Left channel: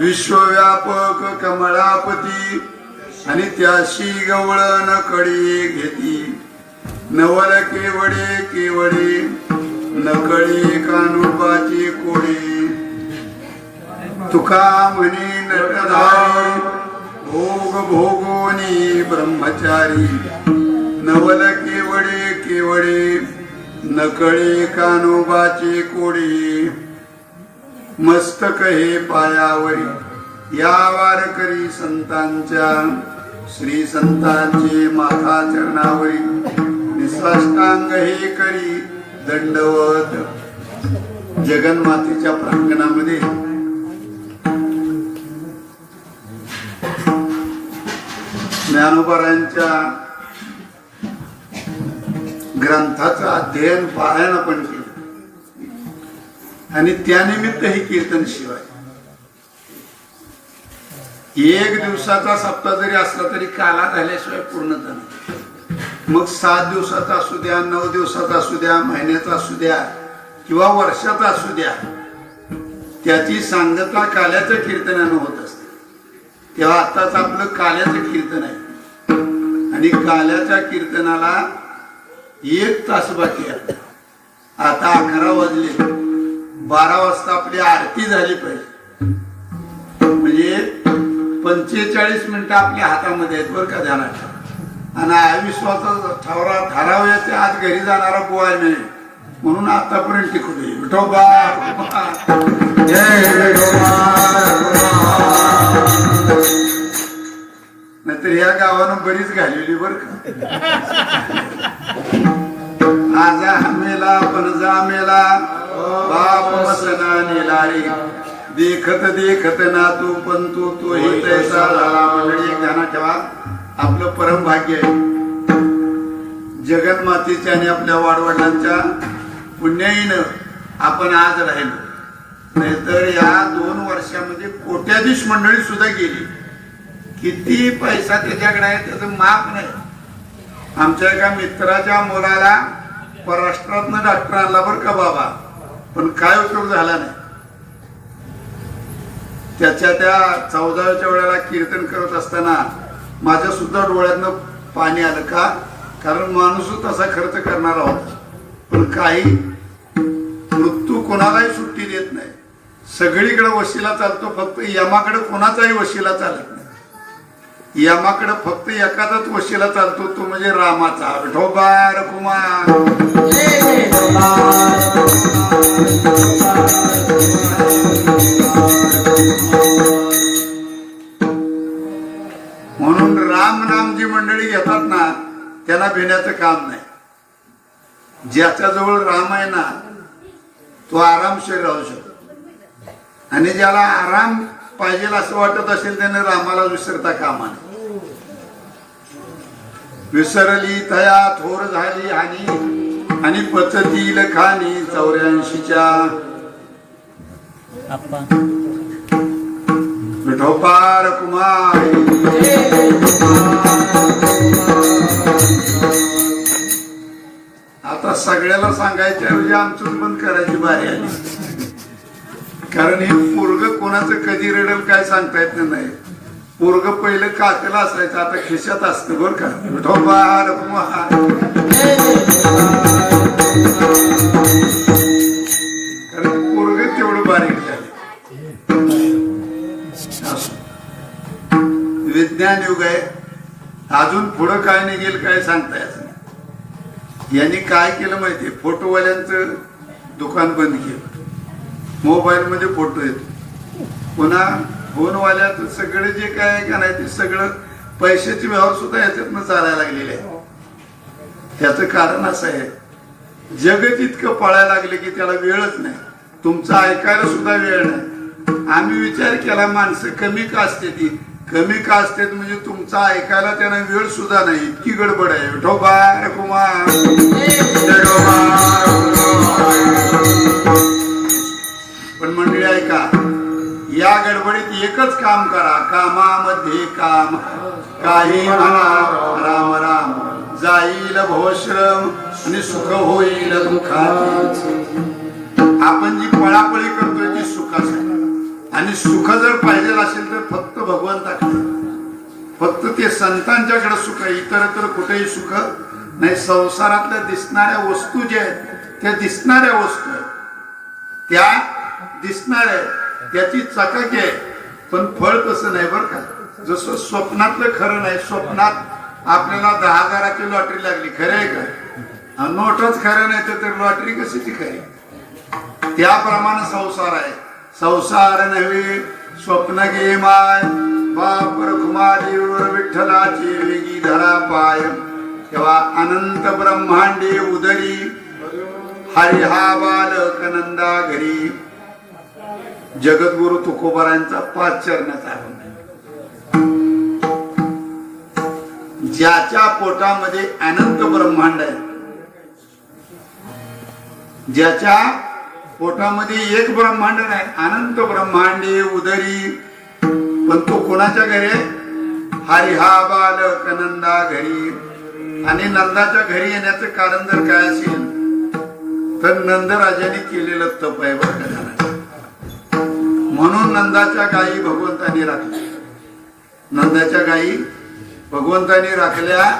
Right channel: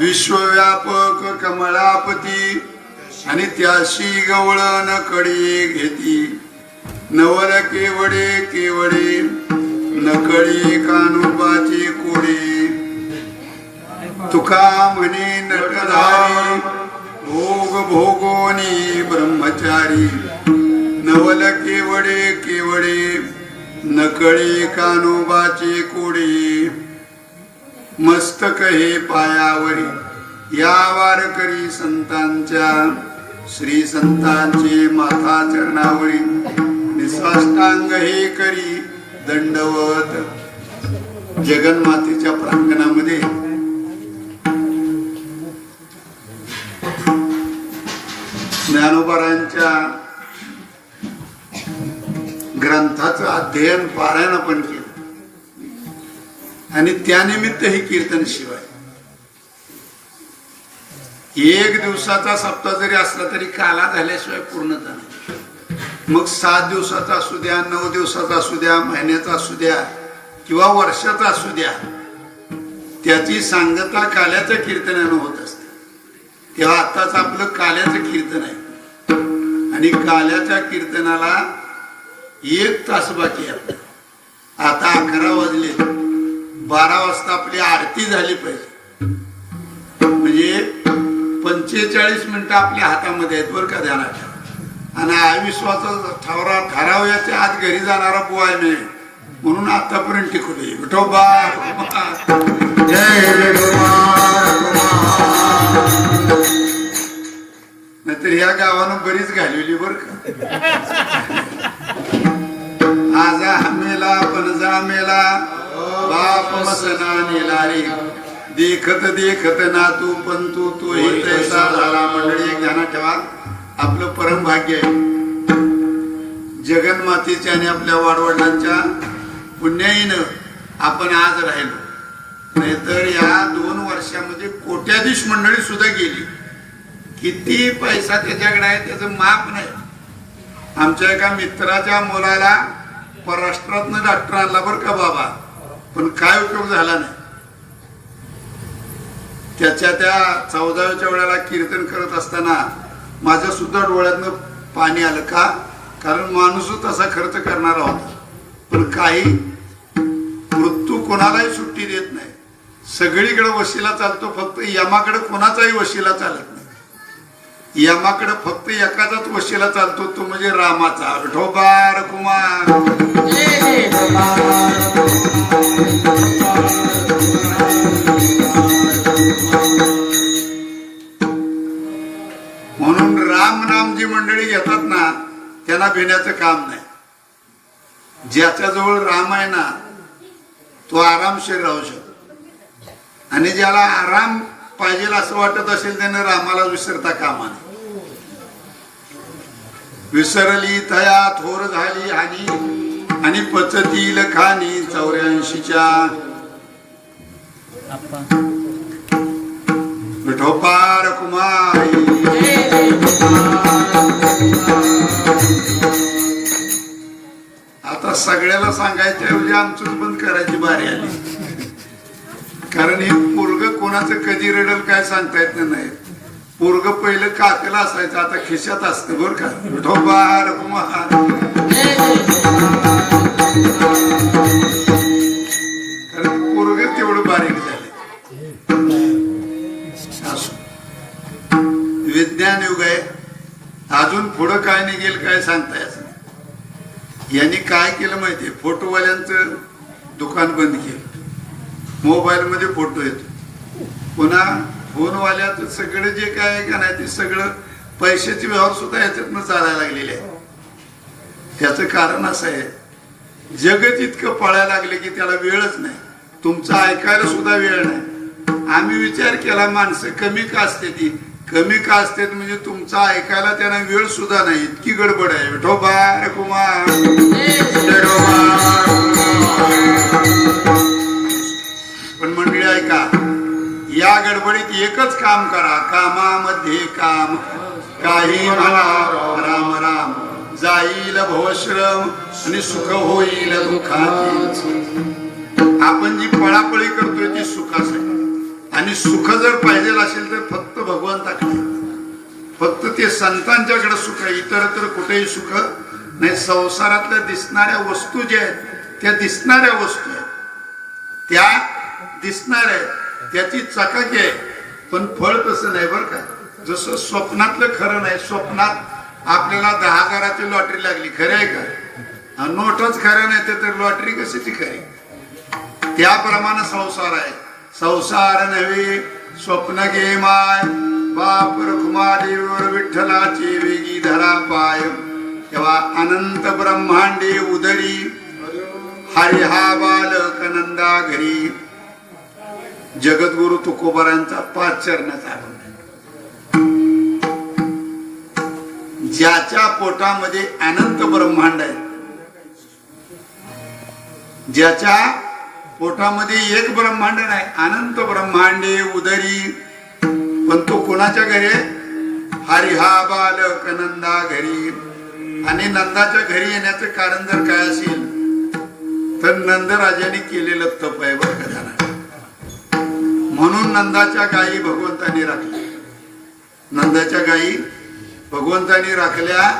विश्वव्यापक कमळापती आणि त्याशी गवळण कडी घेती नवल केवडे केवडे नकळी कानुबाचे कोडे तुका म्हणे नटधारी भोग भोगोनी ब्रह्मचारी नवल केवडे केवडे नकळे कानोबाचे कोडे मस्तक हे पायावरी या वारकरी संतांच्या श्री संतांचे माथा चरणावरी निसाष्टांग हे करी दंडवत जगन्मातेच्या प्रांगणामध्ये ज्ञानोबारांच्या ग्रंथाचं अध्ययन पारायण आपण केलं आणि त्यानिमित्त हे कीर्तन शिवाय एक दिवसाचा सप्ताह जरी असला तरी काला झाल्याशिवाय पूर्णता नाही। मग 7 दिवसाचा असू द्या 9 दिवसाचा असू द्या महिन्याचा असू द्या किंवा वर्षाचा असू द्या त्याची सांगता काल्याच्या कीर्तनानं होत असते। तेव्हा आताच आपलं काल्याचं कीर्तन आहे आणि काल्याच्या कीर्तनाला 1 तास बाकी आहे। आता 11 वाजले 12 वाजता आपली आरती झाली पाहिजे म्हणजे 45 मिनिटं आपल्या हातामध्ये आहेत बरं का ध्यानात ठेवा। आणि आयुष्याचा ठरावयाच्या आत घरी जाणारा बुवाय नाही म्हणून आतापर्यंत टिकवली विठोबा जय नाहीतर या गावानं बरीच घालवली बर का। आजा मेला पणजा मेला बाप मसना नेलारी देखत देखत ना तू पण तू हे तैसा झाला। मंडळी ध्यानात ठेवा आपलं परम भाग्य आहे जगन्मातेच्या आणि आपल्या वाडवडिलांच्या पुण्याईनं आपण आज राहिलो। नाहीतर या 2 वर्षामध्ये कोट्याधीश मंडळी सुद्धा गेली। किती पैसा त्याच्याकडे आहे त्याचं माप नाही। आमच्या एका मित्राच्या मुलाला परराष्ट्रातनं डॉक्टर आणला बरं का बाबा पण काय उपयोग झाला नाही। त्याच्या त्या 14व्या वेळेला कीर्तन करत असताना माझ्या सुद्धा डोळ्यातनं पाणी आलं का कारण माणूस तसा खर्च करणारा होता पण काही मृत्यू कोणालाही सुट्टी देत नाही। सगळीकडे वशिला चालतो फक्त यमाकडे कोणाचाही वशिला चालत नाही। यमाकडे फक्त एकाचाच वशिला चालतो तो म्हणजे रामाचा विठोबा रखुमार म्हणून राम नाम जी मंडळी घेतात ना त्यांना भिण्याचं काम नाही। ज्याच्या जवळ राम आहे ना तो आरामशीर राहू शकतो आणि ज्याला आराम पाहिजे असं वाटत असेल त्याने रामाला विसरता कामा नये। विसरली तया थोर झाली हानी आणि पचतील खानी 84च्या विठोबा रखुमाई। आता सगळ्याला सांगायच्या ऐवजी आमचंच बंद करायची बारी आली कारण हे पोरग कोणाचं कधी रडल काय सांगता येत नाही। पोरग पहिलं कातेला असायचं आता खिशात असतं बरं का विठोबा रखुमार। कारण पोरग तेवढं बारीक झालं। विज्ञान युग आहे अजून पुढं काय निघेल काय सांगता यायचं नाही। यांनी काय केलं माहितीये फोटोवाल्यांचं दुकान बंद केलं। मोबाईल मध्ये फोटो येतो पुन्हा फोनवाल्याचं सगळं जे काय आहे का नाही ते सगळं पैशाचे व्यवहार सुद्धा याच्यातनं चालायला लागलेले आहे। त्याचं कारण असं आहे जगत इतकं पळायला लागले की त्याला वेळच नाही। तुमचं ऐकायला सुद्धा वेळ नाही। आम्ही विचार केला माणसं कमी का असते ती कमी का असते म्हणजे तुमचं ऐकायला त्यांना वेळ सुद्धा नाही इतकी गडबड आहे। विठोबा रखुमार पण मंडळी ऐका या गडबडीत एकच काम करा कामामध्ये काम काही म्हणा राम राम जाईल भवश्रम आणि सुख होईल दुःखाची। आपण जी पळापळी करतोय ती सुखासाठी आणि सुख जर पाहिजे असेल तर फक्त भगवंताकडे, फक्त ते संतांच्याकडे सुख आहे, इतरत्र कुठेही सुख नाही. संसारातल्या दिसणाऱ्या वस्तू ज्या आहेत त्या दिसणाऱ्या वस्तू आहेत, त्या दिसणाऱ्या आहेत, त्याची चकाकी आहे, पण फळ तसं नाही बरं का. जसं स्वप्नातलं खरं नाही. स्वप्नात आपल्याला 10,000ची लॉटरी लागली, खरं आहे का? नोटच खरं नाही तर लॉटरी कशाची खरी? त्याप्रमाणे संसार आहे. संसार नव्हे स्वप्न घे माय, बाप रखुमादेवर विठ्ठलाची वेगी धरा पाय. तेव्हा अनंत ब्रह्मांडे उदरी, हरी हा बालक नंदा घरी. जगद्गुरु तुकोबारांचा 5 चरणाचा आठवण. ज्याच्या पोटामध्ये अनंत ब्रह्मांड आहे, ज्याच्या पोटामध्ये एक ब्रह्मांड नाही, अनंत ब्रह्मांडे उदरी, पण तो कोणाच्या घरी आहे? हरी हा बालक नंदा घरी. आणि नंदाच्या घरी येण्याचं कारण जर काय असेल तर नंदराजाने केलेलं तप आहे बरं का जाणार. म्हणून नंदाच्या गायी भगवंताने राखल्या. नंदाच्या गायी भगवंताने राखल्या,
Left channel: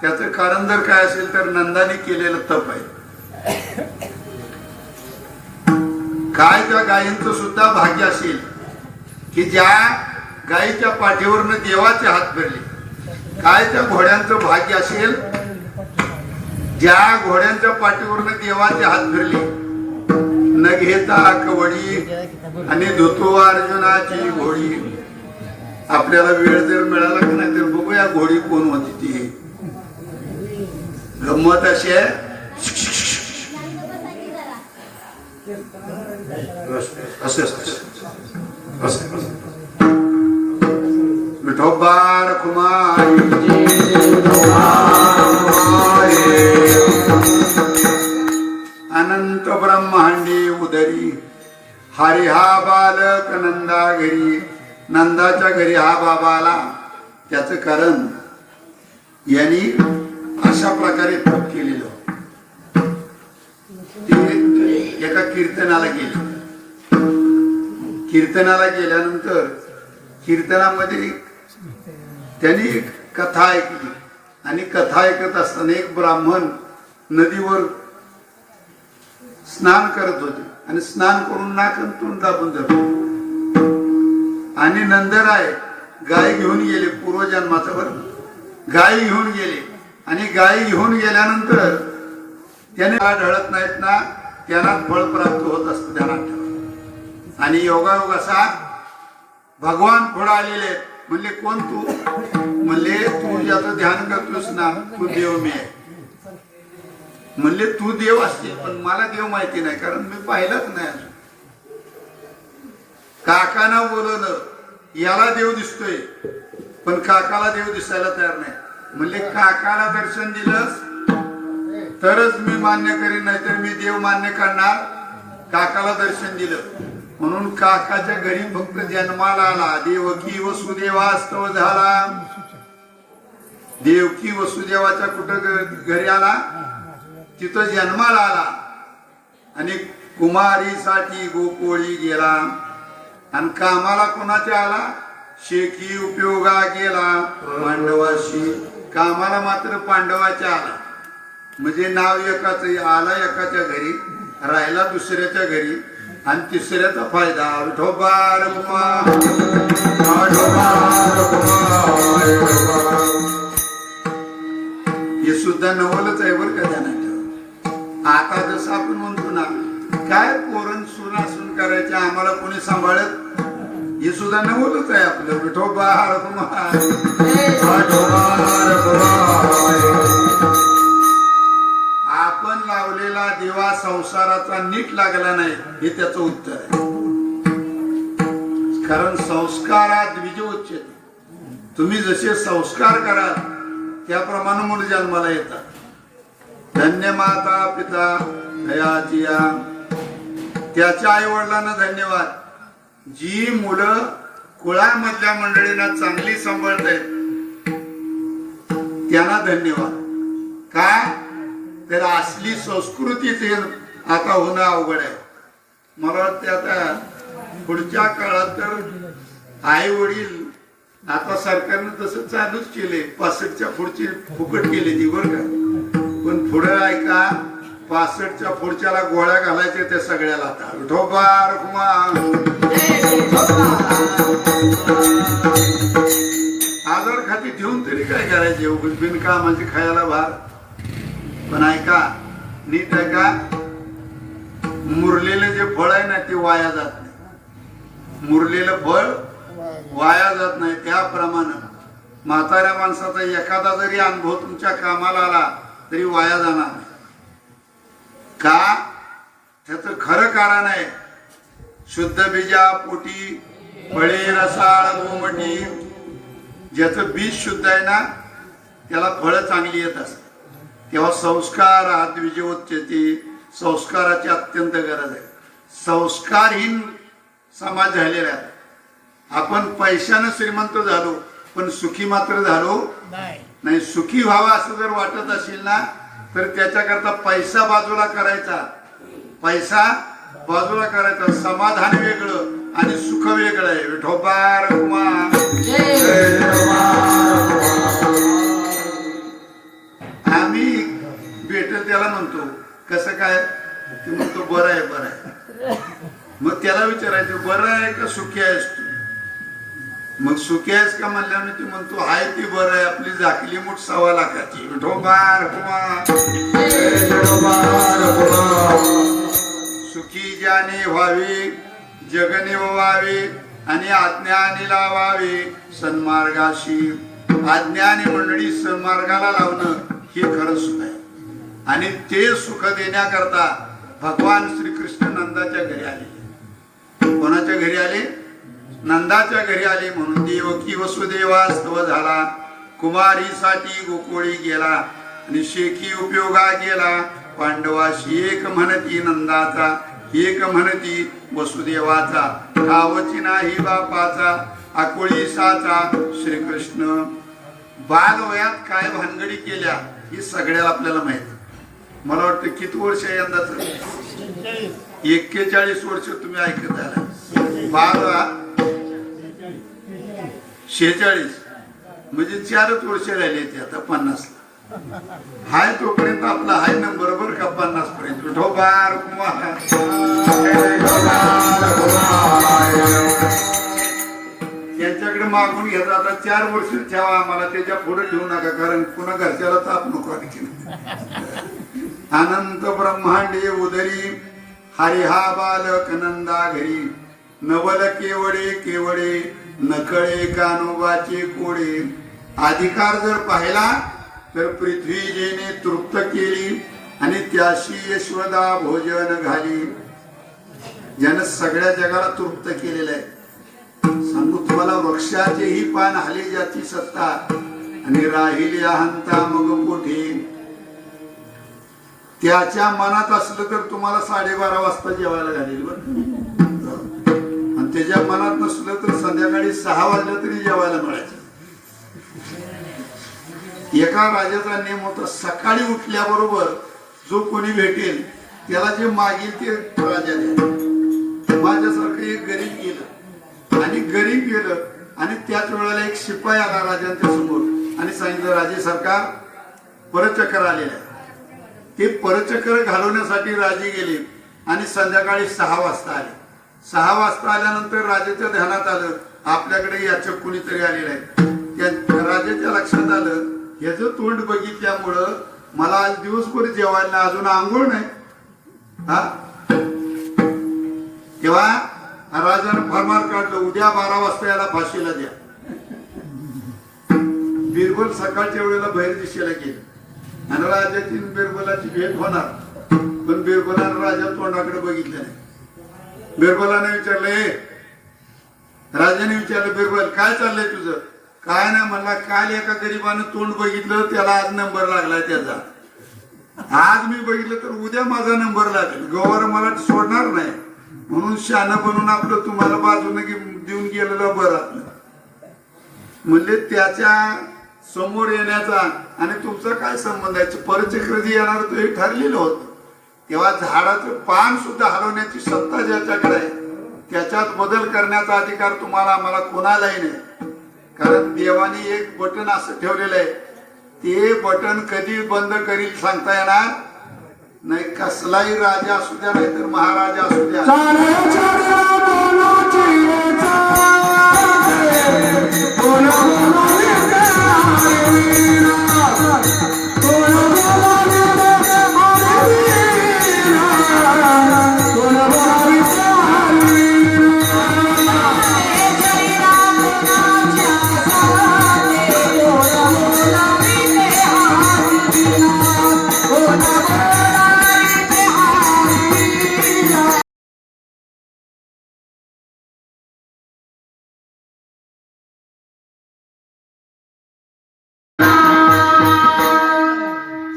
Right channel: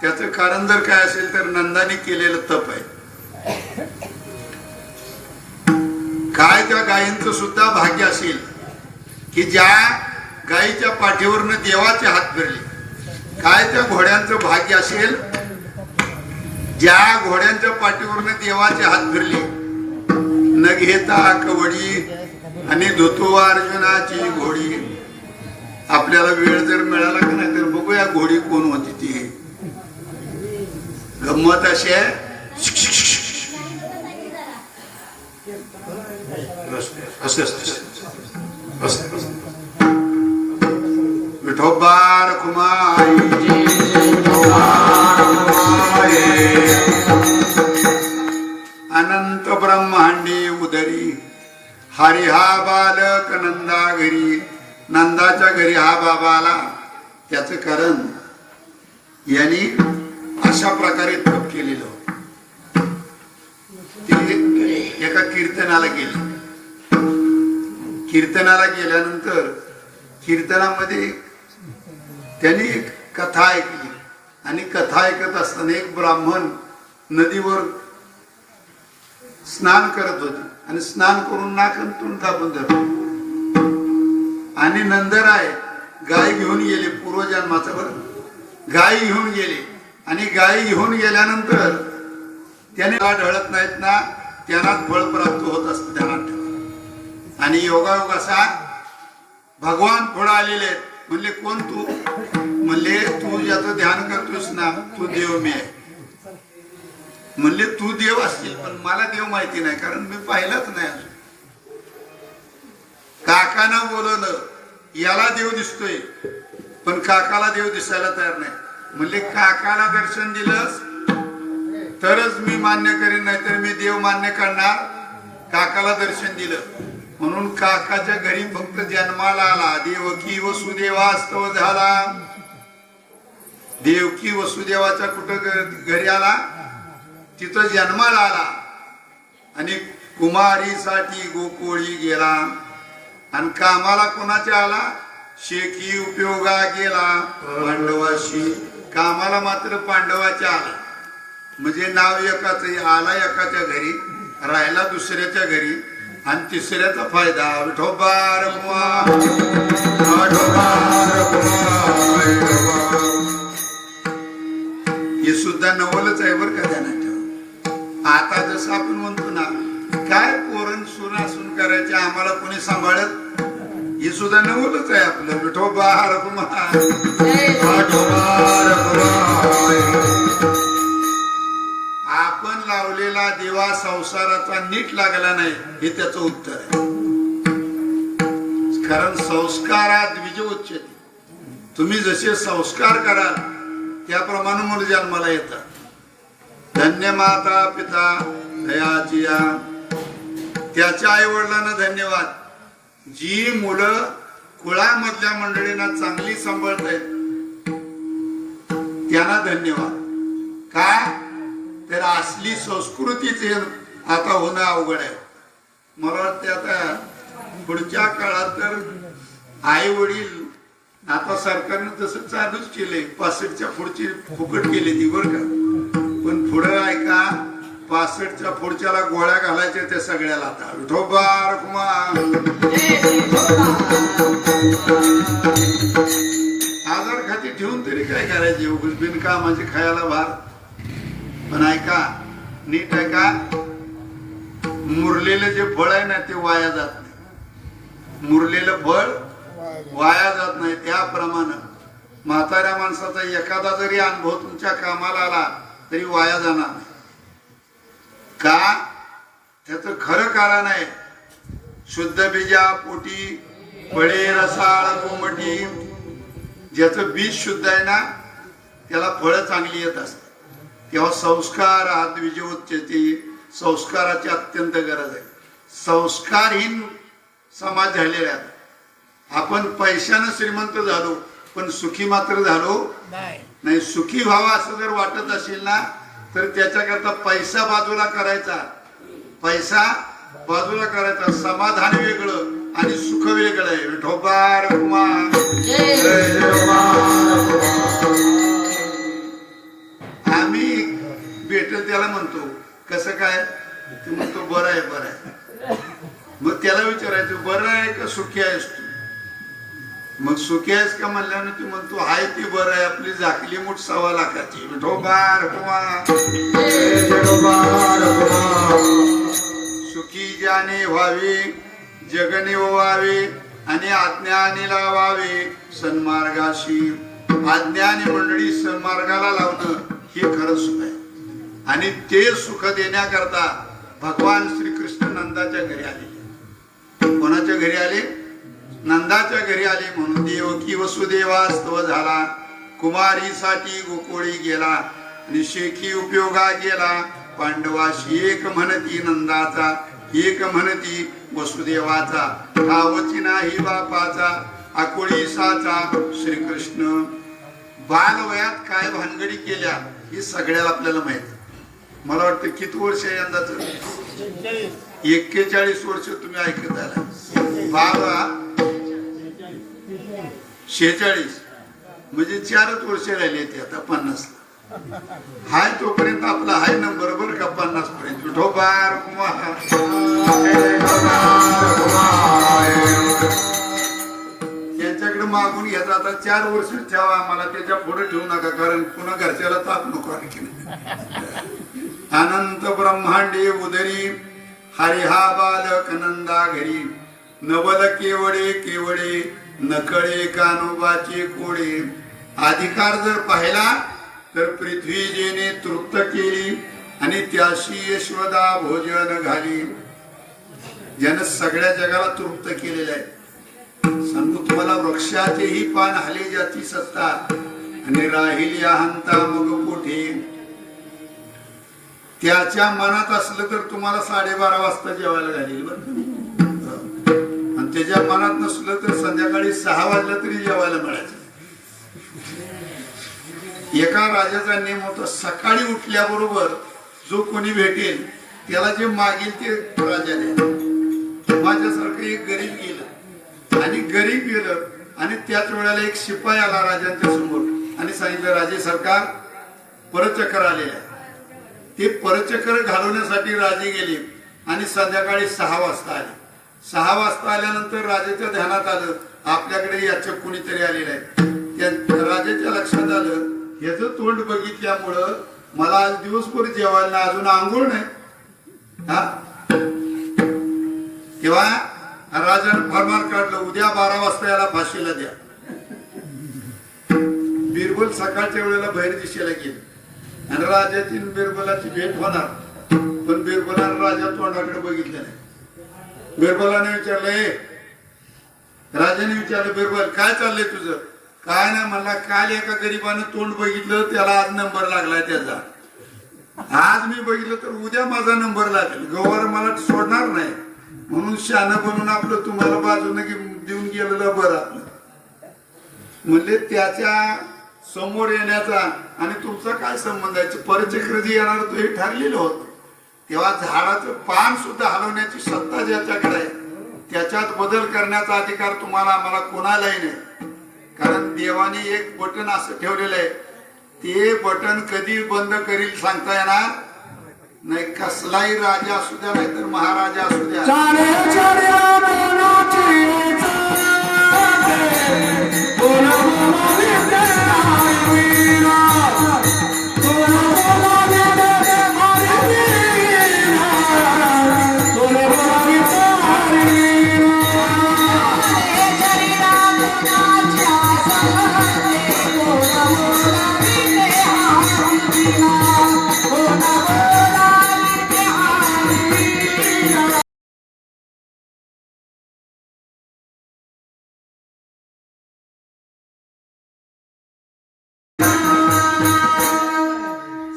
त्याचं कारण जर काय असेल तर नंदाने केलेलं तप आहे. काय त्या गायींचं सुद्धा भाग्य असेल की ज्या गायीच्या पाठीवरनं देवाचे हात फिरले. काय त्या घोड्यांचं भाग्य असेल ज्या घोड्यांच्या पाठीवरनं देवाचे हात फिरले. न घेता कवडी आणि धुतो अर्जुनाची घोडी. आपल्याला वेळ जर मिळाला का नाही तर बघूया घोडी कोण होती ती. गंमत अशी आहे, विठोबा रखुमाई अनंत ब्रह्मांडी उदरी, हरी हा बालक नंदा घरी. नंदाच्या घरी हा बाबा आला, त्याच कारण यांनी अशा प्रकारे तप केलेलं. एका कीर्तनाला गेले. कीर्तनाला गेल्यानंतर कीर्तनामध्ये त्यांनी एक कथा ऐकली. आणि कथा ऐकत असताना एक ब्राह्मण नदीवर स्नान करत होते आणि स्नान करून नाकन तोंड दाबून धरले. आणि नंदराय गाय घेऊन गेले, पूर्वजन्माचा बरं, गाय घेऊन गेले. आणि गाय घेऊन गेल्यानंतर त्याने ढळत नाहीत ना, त्यांना फळ प्राप्त होत असतं, ध्यानात ठेवा. आणि योगायोग असा, भगवान पुढे आलेले म्हणले, कोण तू? म्हणले, तू ज्याचं ध्यान करतोस ना, तू देव मी आहे. म्हणले, तू देव असतील पण मला देव माहिती नाही, कारण मी पाहिलंच नाही. काकानं बोलवलं, याला देव दिसतोय पण काकाला देव दिसायला तयार नाही. म्हणले, काकाला दर्शन दिलंस तरच मी मान्य करीन, नाही तर मी देव मान्य करणार. काकाला दर्शन दिलं म्हणून काकाच्या घरी फक्त जन्माला आला. देवकी वसुदेवास्तव झाला. देवकी वसुदेवाच्या कुठं घरी आला? तिथं जन्माला आला. आणि कुमारीसाठी गोकुळी गेला. आणि कामाला कोणाच्या आला? शेकी उपयोगा गेला पांडवाशी. कामाला मात्र पांडवाच्या आला. म्हणजे नाव एकाच, आला एकाच्या घरी, राहिला दुसऱ्याच्या घरी, आणि तिसऱ्याचा फायदा. विठोबा रखुमा, हे सुद्धा नवलच आहे बरं का ध्यानात ठेवा. आता जसं आपण म्हणतो ना, काय पोरण सुनासून करायचे, आम्हाला कोणी सांभाळत, हे सुद्धा नवलच आहे आपलं. विठोबा रखुमा. आपण लावलेला दिवा संसाराचा नीट लागला नाही, हे त्याचं उत्तर आहे. कारण संस्कारात द्विज उच्चते. तुम्ही जसे संस्कार कराल त्याप्रमाणे मुलं जन्माला येतात. धन्य माता पिता दयाची या. त्याच्या आई वडिलांना धन्यवाद. जी मुलं कुळामधल्या मंडळींना चांगली सांभाळतायत त्यांना धन्यवाद. काय तर असली संस्कृतीच आता होणं अवघड आहे. मला वाटते आता पुढच्या काळात तर आई वडील आता सरकारनं तसं चालूच केले 65च्या पुढची फुकट केली ती बरं का, पण पुढं ऐका 65च्या पुढच्याला गोळ्या घालायच्या त्या सगळ्याला आता विठोबा रखुमा आधार खाती ठेवून तरी काय करायचे उगाच बिनकामाचे खायला भार. पण ऐका नीट ऐका, मुरलेलं जे फळ आहे ना ते वाया जात नाही, मुरलेलं फळ वाया जात नाही. त्याप्रमाणे म्हाताऱ्या माणसाचा एखादा जरी अनुभव तुमच्या कामाला आला तरी वाया जाणार नाही. का त्याचं खरं कारण आहे शुद्ध बीजा पोटी फळे रसाळ कोमटी. ज्याचं बीज शुद्ध आहे ना त्याला फळं चांगली येत असतात. तेव्हा संस्कार आद्विजोच्यते, संस्काराची अत्यंत गरज आहे. संस्कारहीन समाज झालेला आहे. आपण पैशानं श्रीमंत झालो पण सुखी मात्र झालो नाही. सुखी व्हावा असं जर वाटत असेल ना तर त्याच्याकरता पैसा बाजूला करायचा, पैसा बाजूला करायचा. समाधान वेगळं आणि सुख वेगळं आहे. विठोबा रखुमा आम्ही भेटेल त्याला म्हणतो कसं काय, ते म्हणतो बरं आहे बरं आहे. मग त्याला विचारायचं बरं आहे का सुखी आहेस तू, मग सुखी आहेस का म्हणल्याने तू म्हणतो हाय ती बरं आहे, आपली झाकली मूठ 1.25 लाखाची. विठोबा रखुमा सुखी ज्याने व्हावे जगने व्हावे आणि आज्ञाने लावावे सन्मार्गाशी. आज्ञाने मंडळी सन्मार्गाला लावणं हे खरं सुख आहे. आणि ते सुख देण्याकरता भगवान श्रीकृष्ण नंदाच्या घरी आले. कोणाच्या घरी आले? नंदाच्या घरी आले. म्हणून देवकी वसुदेवास्तव झाला, कुमारीसाठी गोकुळी गेला आणि शेखी उपयोगा गेला. पांडवाशी एक म्हणती नंदाचा, एक म्हणती वसुदेवाचा, ठावची नाही बापाचा आकुळीसाचा. श्रीकृष्ण बालवयात काय भानगडी केल्या ही सगळ्याला आपल्याला माहिती. मला वाटतं किती वर्ष आहे यंदाच? 41 वर्ष तुम्ही ऐकत आला. 46 म्हणजे 4च वर्ष राहिले ते आता 50. हाय तोपर्यंत आपला हाय नंबर बरं का 50 पर्यंत. विठोबा यांच्याकडे मागून घेता आता 4 वर्ष ठेवा आम्हाला, त्याच्या पुढे ठेवू नका कारण पुन्हा घरच्याला ताप नको. अनंत ब्रह्मांडे उदरी हरिहा बालक नंदा घरी. नवल केवडे केवडे नकळे कानोबाचे कोडे. अधिकार जर पाहिला तर पृथ्वी जेने तृप्त केली आणि त्याशी यशोदा भोजन घाली. ज्यानं सगळ्या जगाला तृप्त केलेलं आहे. सांगू तुम्हाला वृक्षाचेही पान हाले जाती सत्ता आणि राहिली अहंता मग कोठे. त्याच्या मनात असलं तर तुम्हाला 12:30 वाजता जेवायला घालेल बरं, आणि त्याच्या मनात नसलं तर संध्याकाळी 6 वाजल्या तरी जेवायला मिळायचं. एका राजाचा नियम होता सकाळी उठल्याबरोबर जो कोणी भेटेल त्याला जे मागेल ते राजा द्या. माझ्यासारखं एक गरीब गेलं आणि गरीब गेलं आणि त्याच वेळेला एक शिपाई आला राजांच्या समोर आणि सांगितलं राजे सरकार परचक्र आलेलं आहे. ते परचक्र घालवण्यासाठी राजे गेले आणि संध्याकाळी 6 वाजता आले. 6 वाजता आल्यानंतर राजाच्या ध्यानात आलं आपल्याकडे याचं कुणीतरी आलेलं आहे. त्या राजाच्या लक्षात आलं याचं तोंड बघितल्यामुळं मला आज दिवसभर जेवायला अजून आंघोळ नाही. हा तेव्हा राजानं फरमान काढलं उद्या 12 वाजता याला फाशीला द्या. बिरबल सकाळच्या वेळेला बाहेर दिशेला गेले आणि राजाची बिरबलाची भेट होणार, पण बिरबलानं राजा तोंडाकडे बघितलं नाही. बिरबलाने विचारलं राजाने विचारलं बिरबल काय चाललंय तुझं? काय नाही म्हणला काल एका गरीबानं तोंड बघितलं त्याला आज नंबर लागलाय त्याचा. आज मी बघितलं तर उद्या माझा नंबर लागेल. गवर मला सोडणार नाही म्हणून शानं बनून आपलं तुम्हाला बाजूने देऊन गेलेलं बरं आपलं. म्हणले त्याच्या समोर येण्याचा आणि तुमचा काय संबंध आहे? परचक्र जे येणार तो हे ठरलेलं होतं. तेव्हा झाडाचं पान सुद्धा हलवण्याची सत्ता ज्याच्याकडे आहे त्याच्यात बदल करण्याचा अधिकार तुम्हाला आम्हाला कोणालाही नाही. कारण देवाने एक बटन असं ठेवलेलं आहे, ते बटन कधी बंद करील सांगता येणार नाही. कसलाही राजा असू द्या नाही तर महाराजा असू द्या,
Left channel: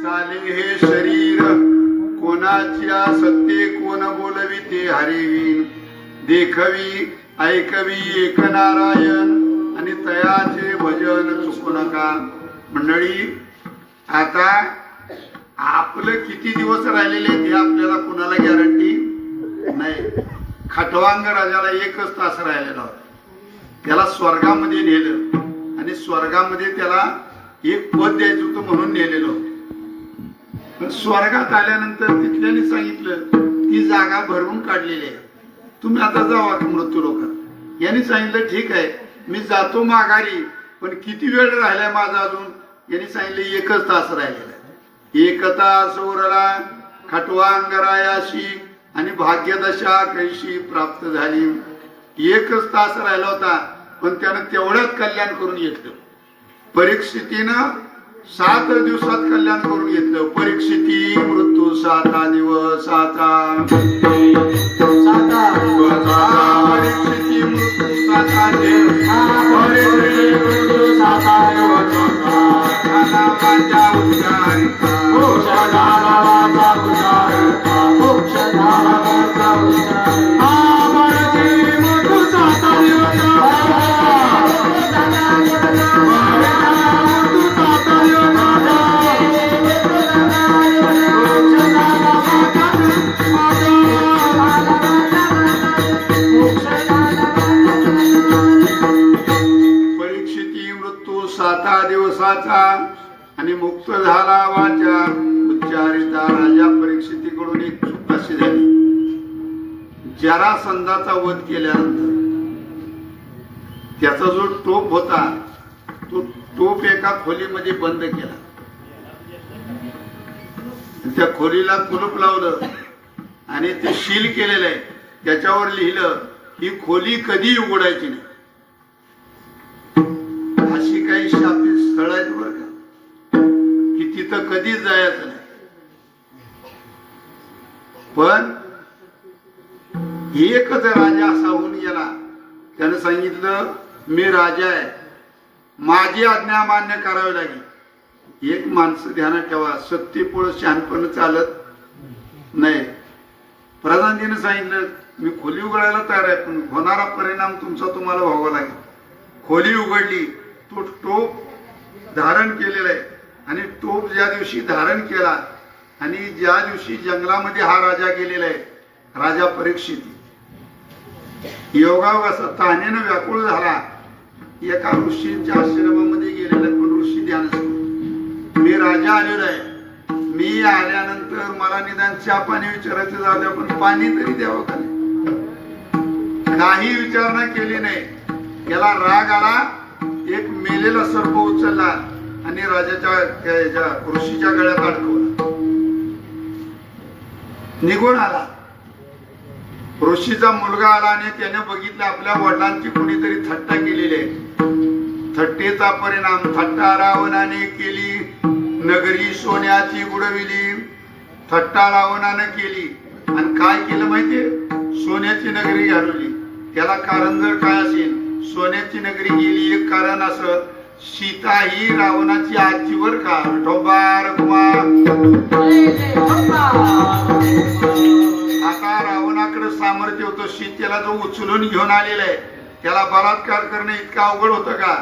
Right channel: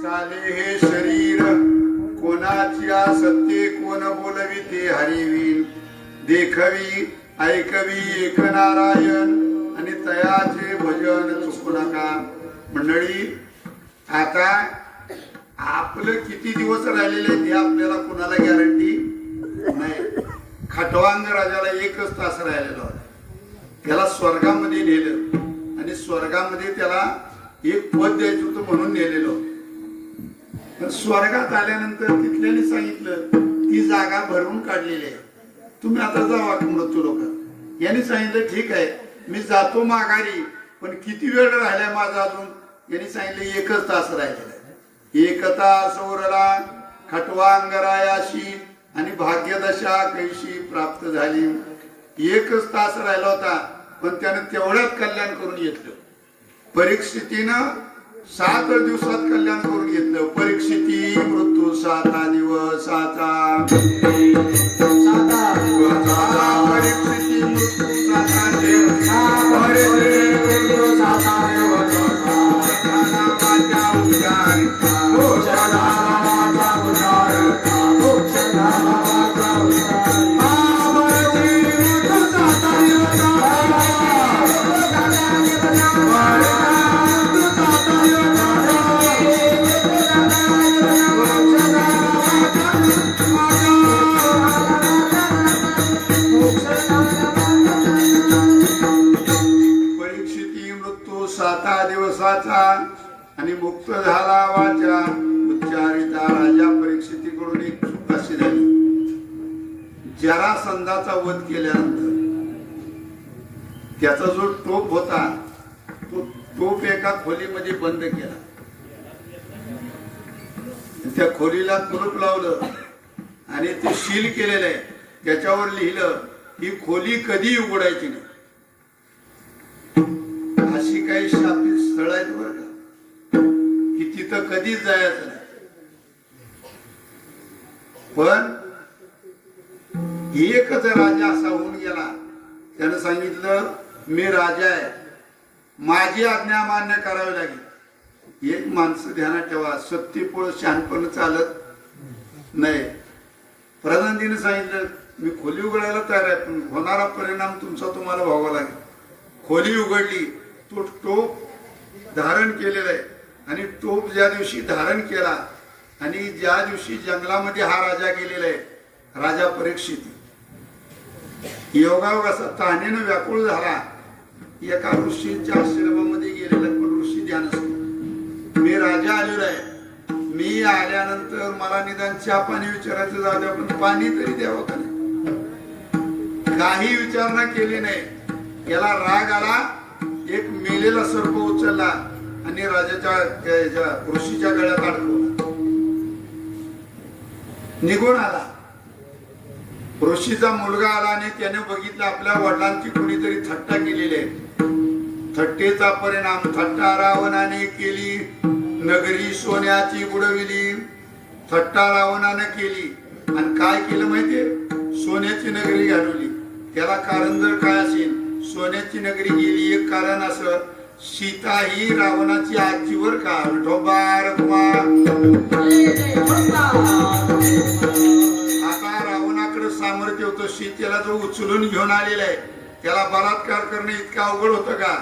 चाले हे शरीर कोणाच्या सत्ते कोण बोलवी ते हरिवीन, देखवी ऐकवी एक नारायण आणि तयाचे भजन चुकू नका. मंडळी, आता आपलं किती दिवस राहिलेले हे आपल्याला कुणाला गॅरंटी नाही. खटवांग राजाला 1च तास राहिलेला होता. त्याला स्वर्गामध्ये नेलं आणि स्वर्गामध्ये त्याला एक पद द्यायचं होतं म्हणून नेलेलं होतं. पण स्वर्गात आल्यानंतर तिथल्याने सांगितलं ती जागा भरून काढलेली आहे, तुम्ही आता जावा मृत्यू लोकात. यांनी सांगितलं ठीक आहे मी जातो माघारी, पण किती वेळ राहिलाय माझा अजून. यांनी सांगितलं 1च तास राहिलेला आहे. 1 तास उरला खटवांगरायाशी आणि भाग्यदशा कैशी प्राप्त झाली. 1च तास राहिला होता, पण त्यानं तेवढ्यात कल्याण करून घेतलं. परीक्षितीनं 7 दिवसात कल्याण करून घेतलं. परीक्षिती मृत्यू 7 दिवसाचा, परीक्षिती मृत्यू 7 दिवसाचा आणि मुक्त झाला वाचा उच्चारिता. राजा परीक्षितीकडून एक चूक अशी झाली, जरासंधाचा वध केल्यानंतर त्याचा जो टोप होता तो टोप एका खोलीमध्ये बंद केला. त्या खोलीला कुलूप लावलं आणि ते शील केलेलं आहे. त्याच्यावर लिहिलं ही खोली कधी उघडायची नाही. अशी काही शापित स्थळ आहेत बरं का की तिथं कधीच जायचं नाही. पण एकच राजा असा होऊन गेला, त्यानं सांगितलं मी राजा आहे, माझी आज्ञा मान्य करावी लागेल. एक माणसं ध्यानात ठेवा, सत्तेपुढं शहाणपण चालत नाही. प्रधानजीने सांगितलं मी खोली उघडायला तयार आहे, पण होणारा परिणाम तुमचा तुम्हाला भोगावा लागेल. खोली उघडली, तो टोप धारण केलेला आहे आणि टोप ज्या दिवशी धारण केला आणि ज्या दिवशी जंगलामध्ये हा राजा गेलेला आहे, राजा परीक्षिती योगायोगाचा तानेनं व्याकुळ झाला. एका ऋषींच्या आश्रमामध्ये गेलेला आहे, पण ऋषी ध्यान मी राजा आलेलो आहे, मी आल्यानंतर मला निदान चहा पाणी विचारायचं जाऊ द्या, पण पाणी तरी द्यावं का नाही. काही विचारणा केली नाही. याला राग आला, एक मेलेला सर्प उचलला आणि राजाच्या ऋषीच्या गळ्यात अडकवला, निघून आला. ऋषीचा मुलगा आला आणि त्याने बघितलं आपल्या वडिलांची कोणीतरी थट्टा केलेली आहे. थट्टेचा परिणाम थट्टा रावणाने केली, नगरी सोन्याची बुडविली. थट्टा रावणाने केली आणि काय केलं माहितीये, सोन्याची नगरी घालवली. त्याला कारण जर काय असेल, सोन्याची नगरी गेली एक कारण असं, सीता ही रावणाची आजीवर का विठोबा रखुमा. आता रावणाकडे सामर्थ्य होतं, सीतेला जो उचलून घेऊन आलेला आहे त्याला बलात्कार करणं इतकं अवघड होतं का.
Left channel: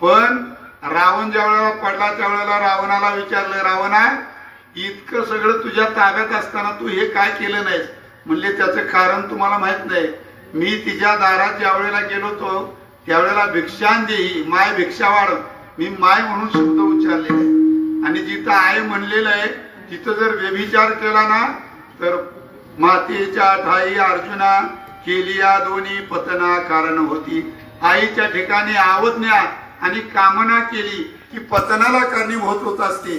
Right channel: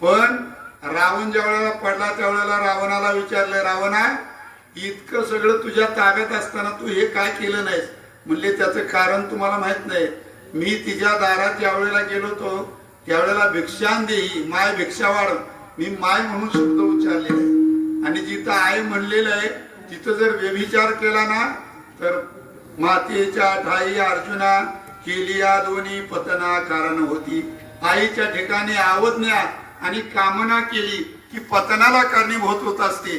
पण रावण ज्या वेळेला पडला त्यावेळेला रावणाला विचारलं, रावणा इतकं सगळं तुझ्या ताब्यात असताना तू हे काय केलं नाहीस. म्हणले त्याचं कारण तुम्हाला माहित नाही, मी तिच्या दारात ज्या वेळेला गेलो होतो त्यावेळेला भिक्षान देही माय भिक्षा वाढ, मी माय म्हणून शब्द उच्चारलेला आहे. आणि जिथं आई म्हणलेलं आहे तिथं जर व्यभिचार केला ना तर मातेच्या ठाई अर्जुना केली या दोन्ही पतना कारण होती. आईच्या ठिकाणी आवज्ञा आणि कामना केली की पतनाला कारणीभूत होत असते.